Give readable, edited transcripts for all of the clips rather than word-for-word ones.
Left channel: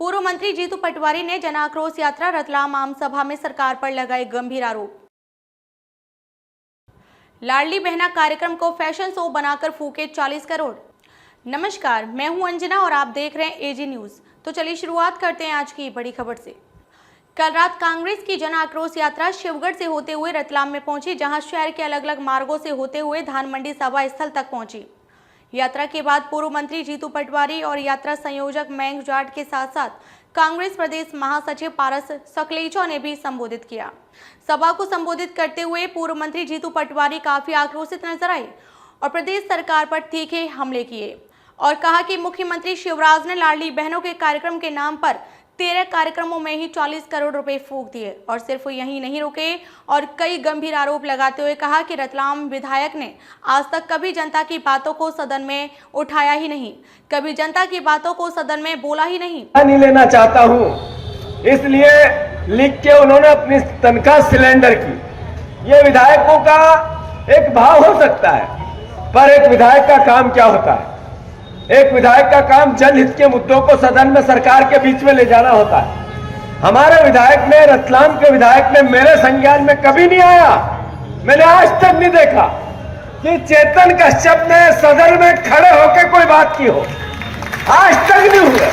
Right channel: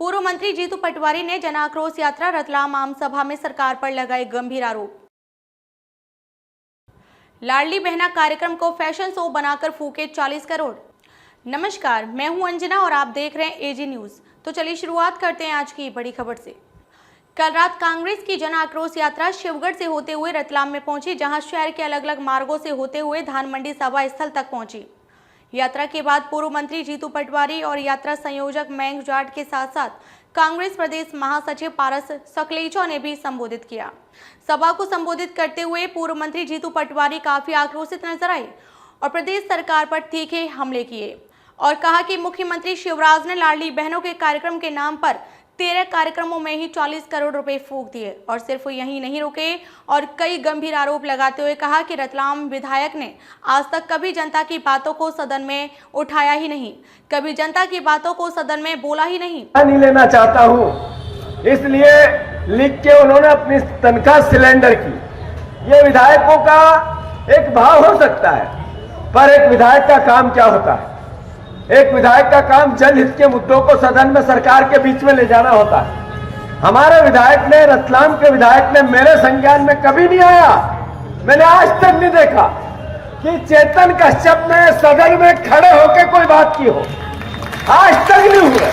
पूर्व मंत्री जीतू पटवारी ने जन आक्रोश यात्रा रतलाम आम सभा में सरकार पर लगाए गंभीर आरोप। लाडली बहना कार्यक्रम को फैशन शो बनाकर फूके 40 करोड़। नमस्कार, मैं हूं अंजना और आप देख रहे हैं एजी न्यूज। तो चलिए शुरुआत करते हैं आज की बड़ी खबर से। कल रात कांग्रेस की जन आक्रोश यात्रा शिवगढ़ से होते हुए रतलाम में पहुंची, जहां शहर के अलग अलग मार्गों से होते हुए धान मंडी सभा स्थल तक पहुंची। यात्रा के बाद पूर्व मंत्री जीतू पटवारी और यात्रा संयोजक मयंक जाट के साथ साथ कांग्रेस प्रदेश महासचिव पारस सकलेचा ने भी संबोधित किया। सभा को संबोधित करते हुए पूर्व मंत्री जीतू पटवारी काफी आक्रोशित नजर आए और प्रदेश सरकार पर तीखे हमले किए और कहा कि मुख्यमंत्री शिवराज ने लाडली बहनों के कार्यक्रम के नाम पर 13 कार्यक्रमों में ही 40 करोड़ रुपए फूंक दिए और सिर्फ यहीं नहीं रुके और कई गंभीर आरोप लगाते हुए कहा कि रतलाम विधायक ने आज तक कभी जनता की बातों को सदन में उठाया ही नहीं, कभी जनता की बातों को सदन में बोला ही नहीं लेना चाहता हूं, इसलिए लिख के उन्होंने अपनी तनख्वाह सिलेंडर की। ये विधायकों का एक भाव हो सकता है, पर एक विधायक का काम क्या होता है? एक विधायक का काम जनहित के मुद्दों को सदन में सरकार के बीच में ले जाना होता है। हमारे विधायक ने, रतलाम के विधायक ने मेरे संज्ञान में कभी नहीं आया, मैंने आज तक नहीं देखा कि चेतन कश्यप ने सदन में खड़े होकर कोई बात की हो, आज तक नहीं हुए।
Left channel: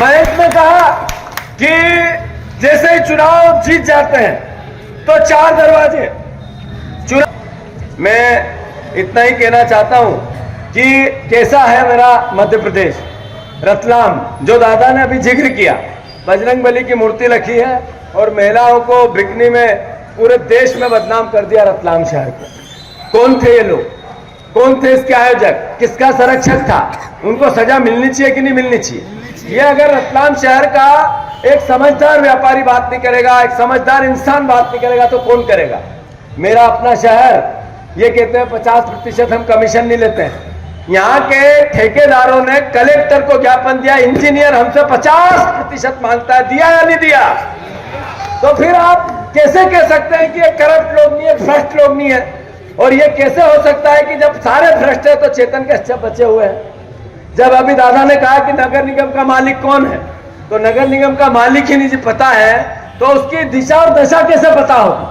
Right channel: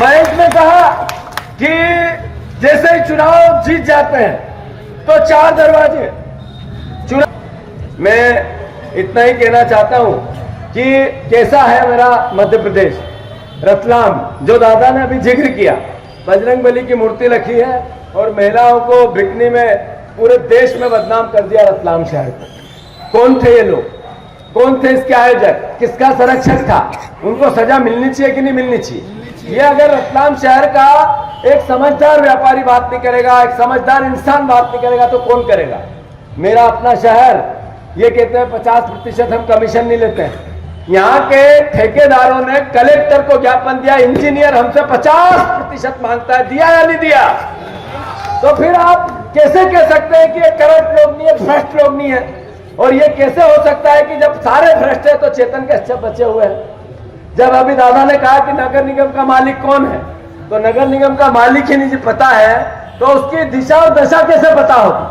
मैं इसमें कहा कि जैसे चुनाव जीत जाते हैं तो 4 दरवाजे मैं इतना ही कहना चाहता हूं कि कैसा है मेरा मध्य प्रदेश, रतलाम, जो दादा ने अभी जिक्र किया। बजरंगबली की मूर्ति रखी है और महिलाओं को बिकनी में पूरे देश में बदनाम कर दिया रतलाम शहर को। कौन थे ये लोग? कौन थे इसके आयोजक? किसका संरक्षक था? उनको सजा मिलनी चाहिए कि नहीं मिलनी चाहिए? ये अगर रतलाम शहर का एक समझदार व्यापारी बात नहीं करेगा, एक समझदार इंसान बात नहीं करेगा, तो कौन करेगा? मेरा अपना शहर, ये कहते हैं 50% हम कमीशन नहीं लेते हैं। यहाँ के ठेकेदारों ने कलेक्टर को ज्ञापन दिया, इंजीनियर हमसे 50% मांगता है, दिया या नहीं दिया? तो फिर आप कैसे कह सकते हैं कि ये करप्ट लोग नहीं है, भ्रष्ट लोग नहीं है? और ये कैसे हो सकता है कि जब सारे भ्रष्ट है तो चेतन कश्यप बचे हुए हैं? जब अभी दादा ने कहा कि नगर निगम का मालिक कौन है, तो नगर निगम का मालिक ही नहीं पता है तो उसकी दिशा और दशा कैसे पता होगी?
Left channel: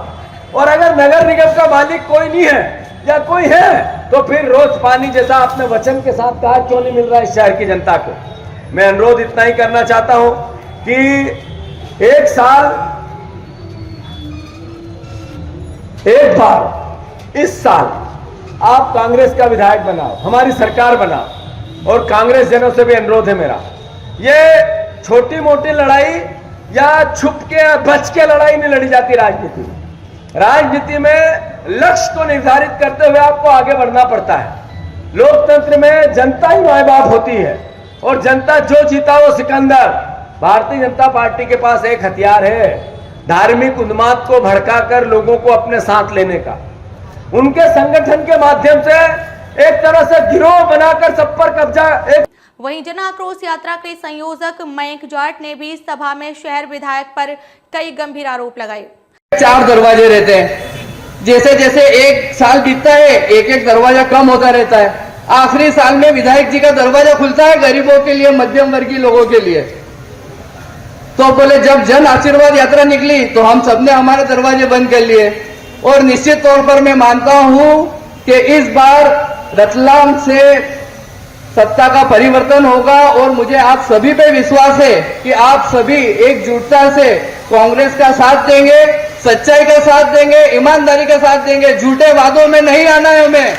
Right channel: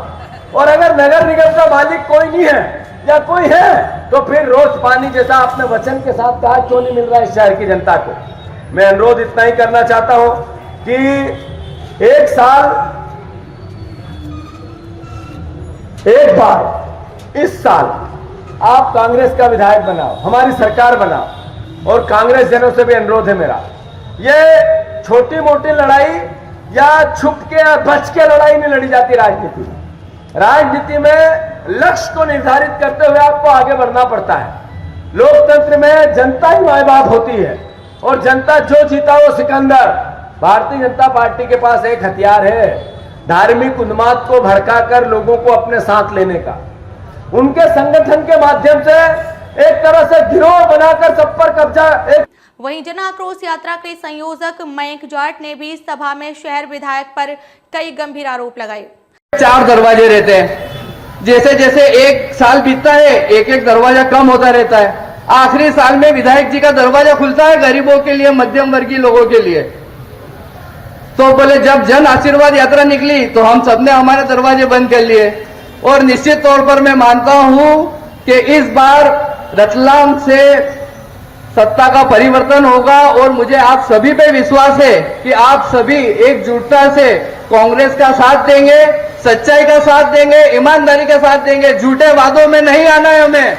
और अगर नगर निगम का मालिक कोई नहीं है या कोई है तो फिर रोज पानी जैसा आपने वचन के साथ कहा क्यों नहीं मिल रहा है इस शहर की जनता को? मैं अनुरोध इतना ही करना चाहता हूं कि एक बार इस साल आप कांग्रेस का विधायक बनाओ, हमारी सरकार बनाओ। और कांग्रेस जनों से भी अनुरोध है मेरा, ये छोटी मोटी लड़ाई या छुप के या बच के लड़ाई नहीं लड़ी जाती राजनीति में। राजनीति में लक्ष्य को निर्धारित करते हुए आपको आगे बढ़ना पड़ता है। लोकतंत्र में जनता ही माय बाप होती है और जनता जो जीता वो सिकंदर। भारतीय जनता पार्टी के पास एक हथियार है, धार्मिक उन्माद को भड़काकर लोगों को अपने साथ लेने का। उनके संगठन के माध्यम से एक तरह से गिरोह बनाकर सब पर कब्जा। वहीं जन आक्रोश यात्रा के संयोजक मयंक जाट ने भी सभा में शहर विधायक पर कई गंभीर आरोप लगाए। 4 दरवाजे रहते हैं, जैसे जैसे एक साल बीतता है एक दरवाजा कम होता रहता है। आखिरी साल में विधायक जी का दरवाजा खुलता है गरीबों के लिए, मध्यम वर्गीय लोगों के लिए। तो बोले जब जन आशीर्वाद यात्रा निकली तो हम सबने हमारे दरवाजे बंद कर लिए। और निश्चित तौर पर मैं मानता हूं कि इस बार रतलाम से सत्ता का परिवर्तन होगा और मुझे आप सभी पे विश्वास है कि आप सभी एकजुटता से कांग्रेस का साथ देंगे, सच्चाई का साथ देंगे, ईमानदारी का साथ देंगे। झूठे वादों में नहीं आना है,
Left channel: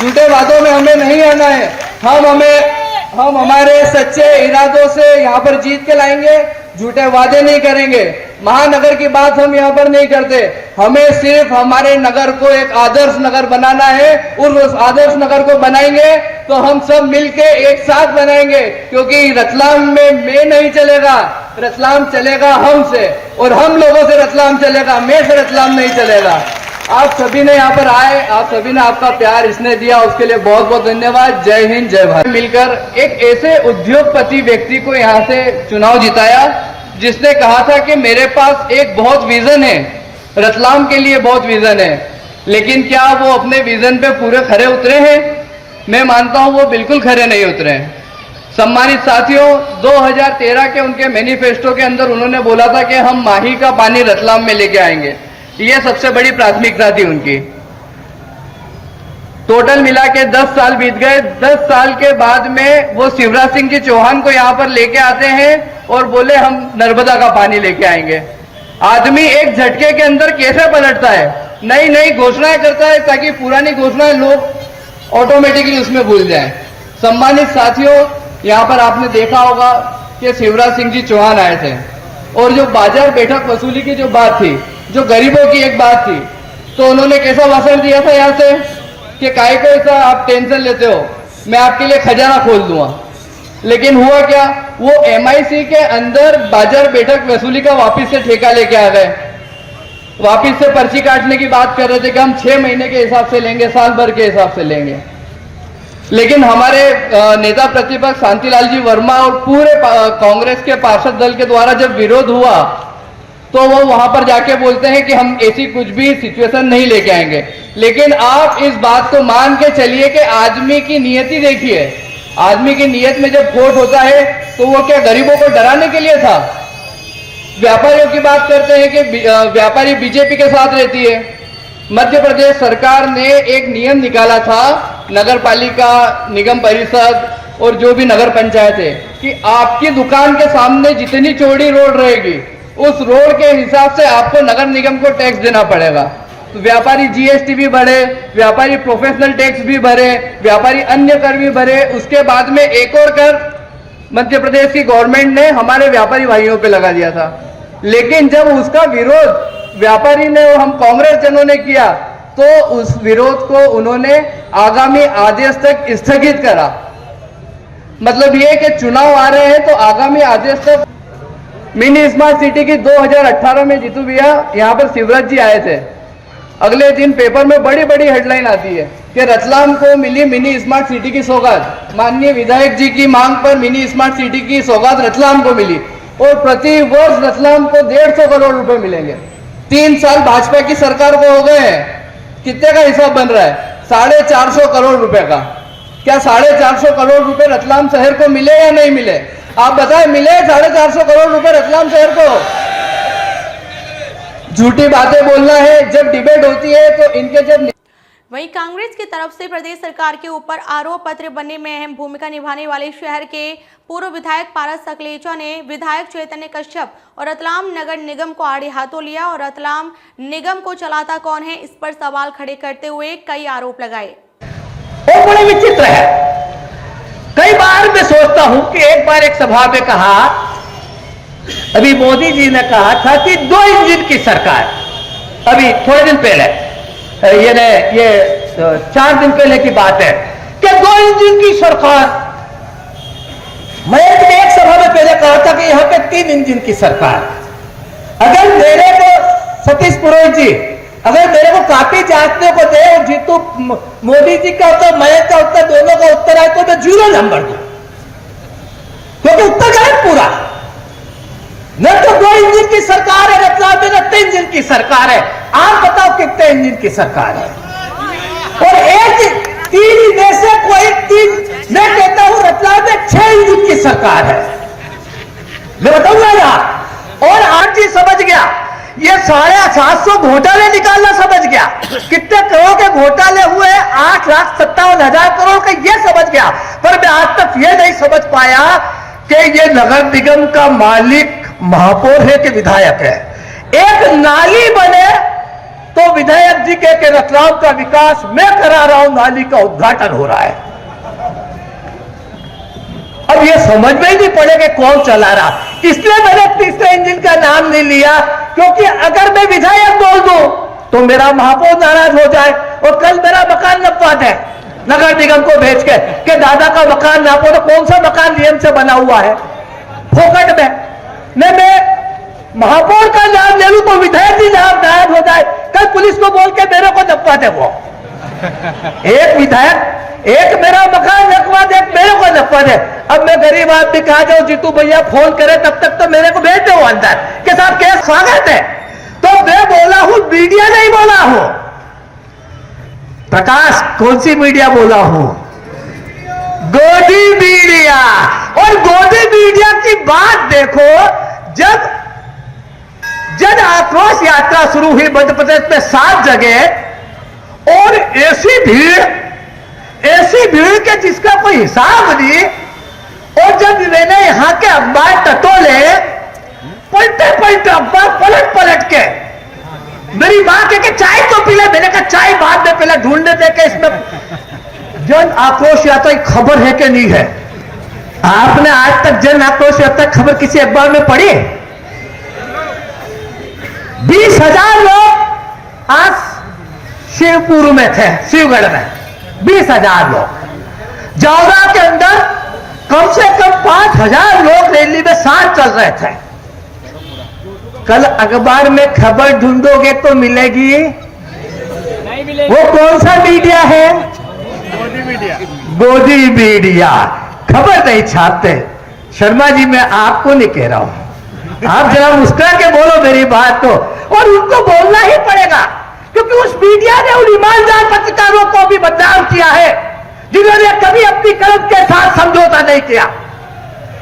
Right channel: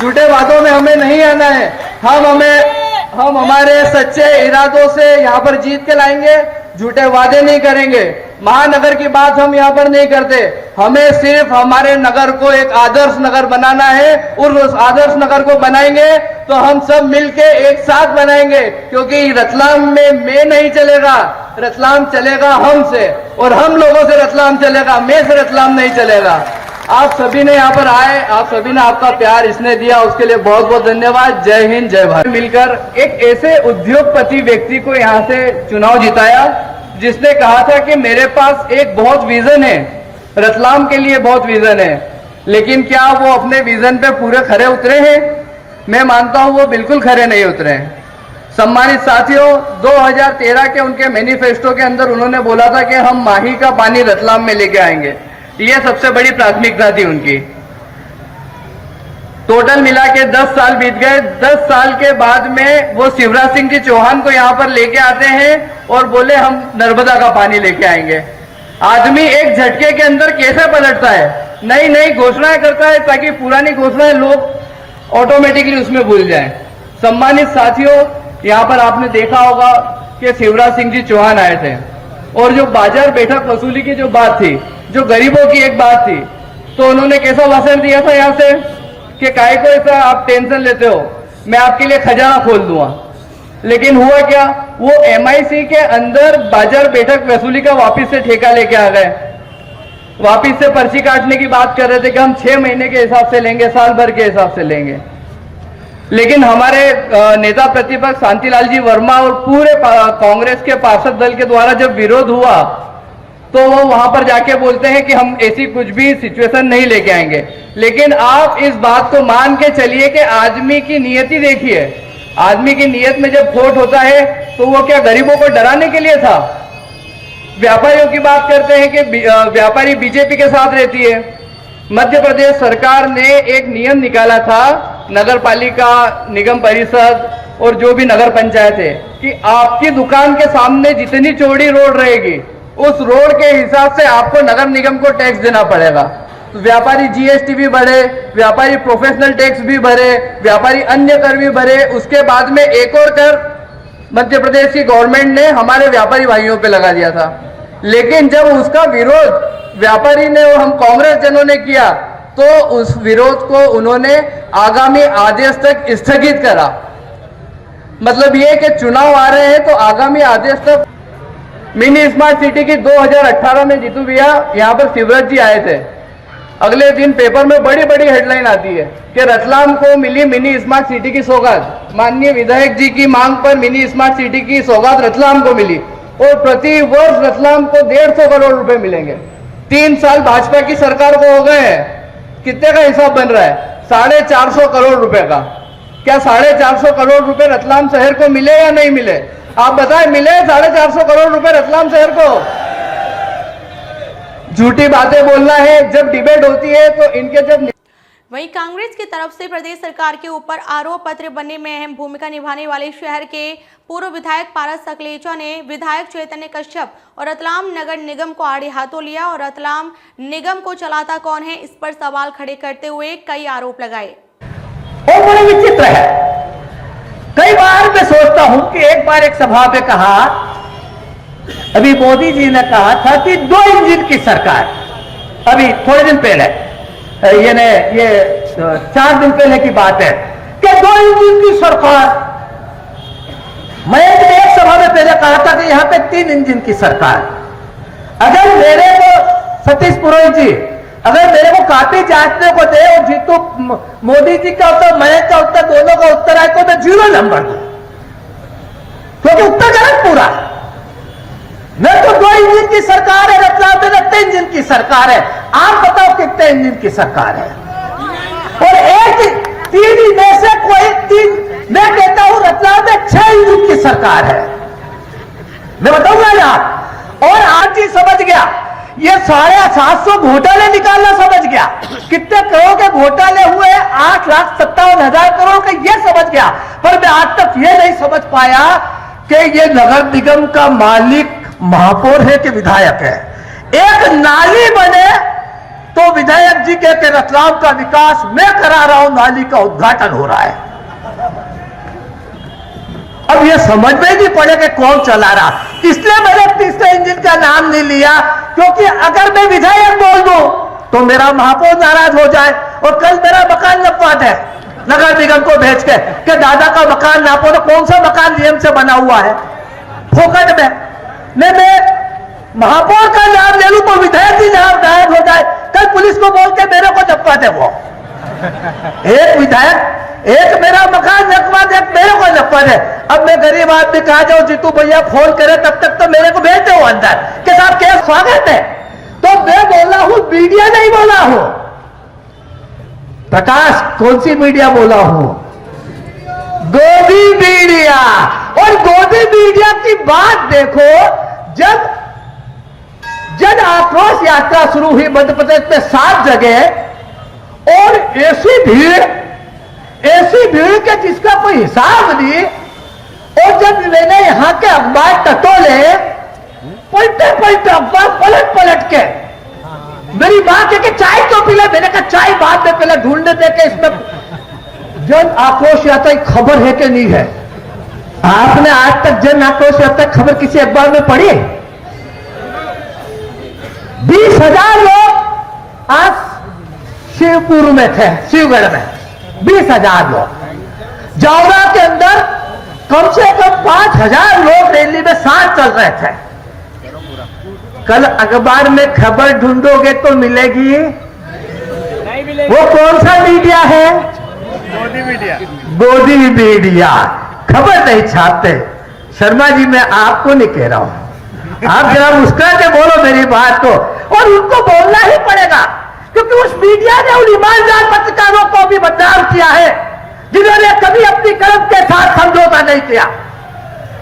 झूठे वादों में हमें नहीं आना है। हम हमारे सच्चे इरादों से यहाँ पर जीत के लाएंगे, झूठे वादे नहीं करेंगे। महानगर की बात हम यहाँ पर नहीं करते, हमें सिर्फ हमारे नगर को एक आदर्श नगर बनाना है और उस आदर्श नगर को बनाएंगे तो हम सब मिलके एक साथ बनाएंगे। क्योंकि रतलाम में मैं नहीं चलेगा, रतलाम चलेगा हमसे और हम लोगों से रतलाम चलेगा, मैं से रतलाम नहीं चलेगा। आप सभी ने यहाँ पर आए, आप सभी ने आपका प्यार इसने दिया, उसके लिए बहुत बहुत धन्यवाद। जय हिंद, जय भारत। मिलकर एक ऐसे उद्योगपति व्यक्ति को यहाँ से चुनाव जिताया जिसने कहा था कि मेरे पास एक बहुत विजन है, रतलाम के लिए बहुत विजन है, लेकिन क्या वो अपने विजन पे पूरे खरे उतरे हैं? मैं मानता हूं वो बिल्कुल खरे नहीं उतरे हैं। सम्मानित साथियों, 2013 के उनके मैनिफेस्टो के अंदर उन्होंने बोला था कि हम माही का पानी रतलाम में लेके आएंगे। ये सबसे बड़ी प्राथमिकता थी उनकी। टोटल मिला के 10 साल बीत गए। 10 साल के बाद में वो शिवराज सिंह जी चौहान को यहां पर लेके आते हैं और बोले हम नर्मदा का पानी लेके आएंगे। आदमी एक झटके के अंदर कैसे पलटता है, नई नई घोषणाएं करता है ताकि पुरानी घोषणाएं लोग ऑटोमेटिकली उसमें भूल जाएं। सम्मानित साथियों, यहां पर आपने देखा होगा कि शिवराज सिंह जी चौहान आए थे और जो बाजार बैठक वसूली की जो बात थी, जो गरीबों की एक बात थी, तो उन्होंने कैसा भाषण दिया था यहां से कि काहे को ऐसा आप टेंशन लेते हो, मैं आपके लिए खजाना खोल दूंगा। लेकिन हुआ क्या, वो MIC के अंदर बाजार बैठक वसूली का वापिस से ठेका लेके आ गए। वापिस से पर्ची काटने की बात कर रहे थे कि हम 6 महीने के हिसाब से लेंगे, साल भर के हिसाब से लेंगे। लेकिन हमारे नेता प्रतिपक्ष शांतिलाल जी वर्मा और पूरे कांग्रेस के पार्षद दल के द्वारा जब विरोध हुआ तो वो वहां पर जाके बोलते हैं कि हम ऐसी कुछ भी सिचुएशन नहीं लेके आएंगे। लेकिन आप इस बात को मान के चलिए कि आदमी की नियति देखिए, आदमी की नियत में जब खोट होता है तो वो क्या गरीबों को डराने के लिए था? व्यापारियों की बात करते हैं कि व्यापारी बीजेपी के साथ रहती है। मध्य प्रदेश सरकार ने एक नियम निकाला था, नगर पालिका, निगम परिषद और जो भी नगर पंचायत है, कि आपकी दुकान के सामने जितनी चौड़ी रोड रहेगी उस रोड के हिसाब से आपको नगर निगम को टैक्स देना पड़ेगा। तो व्यापारी GST भी भरे, व्यापारी प्रोफेशनल टैक्स भी भरे, व्यापारी अन्य कर भी भरे। उसके बाद में एक और कर मध्य प्रदेश की गवर्नमेंट ने हमारे व्यापारी भाइयों पे लगा दिया था। लेकिन जब उसका विरोध व्यापारी ने और हम कांग्रेस जनों ने किया तो उस विरोध को उन्होंने आगामी आदेश तक स्थगित करा। मतलब ये कि चुनाव आ रहे हैं तो आगामी आदेश तक। मिनी स्मार्ट सिटी की 2018 में जीतू भैया यहाँ पर शिवराज जी आए थे। अगले दिन पेपर में बड़ी बड़ी हेडलाइन आती है कि रतलाम को मिली मिनी स्मार्ट सिटी की सौगात। माननीय विधायक जी की मांग पर मिनी स्मार्ट सिटी की सौगात रतलाम को मिली और प्रति वर्ष रतलाम को 150 करोड़ रुपए मिलेंगे। 3 साल भाजपा की सरकार को हो गए हैं, कितने का हिसाब बन रहा है? 450 करोड़ रुपए का। क्या 450 करोड़ रुपए रतलाम शहर को मिले या नहीं मिले? आप बताएं, मिले 450 करोड़ रुपए रतलाम शहर को? झूठी बातें बोलना है। जब डिबेट होती है तो इनके जब वहीं कांग्रेस की तरफ से प्रदेश सरकार के ऊपर आरोप पत्र बनने में अहम भूमिका निभाने वाले शहर के पूर्व विधायक पारस सकलेचा ने विधायक चैतन्य कश्यप और रतलाम नगर निगम को आड़े हाथों लिया और रतलाम निगम को चलाता कौन है, इस पर सवाल खड़े करते हुए कई आरोप लगाए। और बड़े विचित्र है, कई बार मैं सोचता हूं कि एक बार एक सभा में कहा, अभी मोदी जी ने कहा था कि 2 इंजन की सरकार, अभी थोड़े दिन पहले ये 4 दिन पहले की बात है कि 2 इंजन की सरकार। मैं एक सभा में पहले कहा था कि यहां पे 3 इंजन की सरकार। अगर मेरे को सतीश पुरोहित जी अगर मेरे को कापी जांचने को दे और जीतू मोदी जी का उत्तर, मयंक का उत्तर, दोनों का उत्तर आए तो मैं 0 नंबर दूं, क्योंकि उत्तर गलत पूरा। न तो 2 इंजन की सरकार है रतलाम में, न 3 इंजन की सरकार है। आप बताओ कितने इंजन की सरकार है? और एक 3 में से कोई 3, मैं कहता हूं रतलाम में 6 इंजन की सरकार है। मैं बताऊंगा यार। और आज जी समझ गया, ये 750 घोटाले निकालना समझ गया। कितने करोड़ के घोटाले हुए? 8,57,000 करोड़ के, ये समझ गया। पर मैं आज तक ये नहीं समझ पाया कि ये नगर निगम का मालिक महापौर है कि विधायक है। एक नाली बने तो विधायक जी के रतलाम का विकास मैं करा रहा हूं, नाली का उद्घाटन हो रहा है। अब ये समझ में नहीं पड़े कि कौन चला रहा। इसलिए मैंने तीसरे इंजन का नाम नहीं लिया, क्योंकि अगर मैं विधायक बोल दूं तो मेरा महापौर नाराज हो जाए और कल मेरा मकान नपवा दे नगर निगम को भेज के कि दादा का मकान नापो। तो कौन सा मकान नियम से बना हुआ है? फोकट में। मैं महापौर का नाम ले लूं तो विधायक जी नाम गायब हो जाए, कल पुलिस को बोल के मेरे को नपवा दे। वो एक विधायक एक मेरा मकान नपवा दे, मेरे को नपवा दे। अब मैं गरीब आदमी कहा जाऊं जीतू भैया फोन करे, तब तक तो मेरे को भेज दो अंदर के साथ केस स्वागत है। तो मैं बोला हूं, मीडिया नहीं बोला हूं। प्रकाश, कौन सी मीडिया बोला हूं? गोदी मीडिया। और गोदी मीडिया की बात देखो, जब जन आक्रोश यात्रा शुरू हुई मध्य प्रदेश में 7 जगह और ऐसी भीड़ के जिसका कोई हिसाब नहीं। और जब मैंने यहां के अखबार टटोले, पलटे अखबार पलट के मेरी मां के चाय तो पी ले, मैंने कहा चाय बाद में पहले ढूंढने दे के इसमें जन आक्रोश यात्रा की खबर है कि नहीं है। आपने आज तक जन आक्रोश यात्रा खबर किसी अखबार में पढ़ी? 20,000 लोग आज शिवपुर में थे, शिवगढ़ में 20,000 लोग। जावरा के अंदर कम से कम 5,000 लोग रैली में साथ चल रहे थे। कल अखबार में खबर ढूंढोगे तो मिलेगी। वो कौन सा मीडिया है? गोदी मीडिया। खबर नहीं छापते। शर्मा जी, मैं आपको नहीं कह रहा हूं, आप जरा मुस्कुरा के बोलो मेरी बात को। और उनको बोलना ही पड़ेगा, क्योंकि उस मीडिया ने उन ईमानदार पत्रकारों को भी बदनाम किया है जिन्होंने कभी अपनी कलम के साथ समझौता नहीं किया।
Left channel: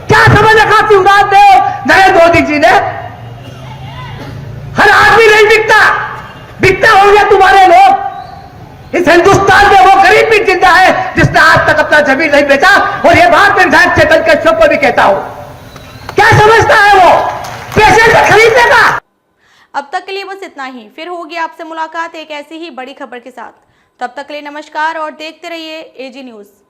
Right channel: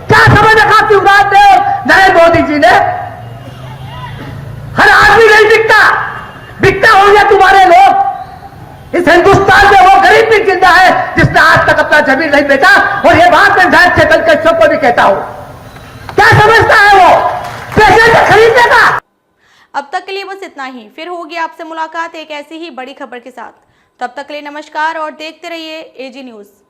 क्या समझ रखा शिवराज ने और नए मोदी जी ने? हर आदमी नहीं बिकता होंगे तुम्हारे लोग। इस हिंदुस्तान में वो गरीब भी जिंदा है जिसने आज तक अपना जमीन नहीं बेचा, और ये बात मैं घर से बल्कि सबको भी कहता हूं। क्या समझता है वो? पैसे से खरीदने का। अब तक के लिए बस इतना ही। फिर होगी आपसे मुलाकात एक ऐसी ही बड़ी खबर के साथ। तब तक के लिए नमस्कार और देखते रहिए एजी न्यूज़।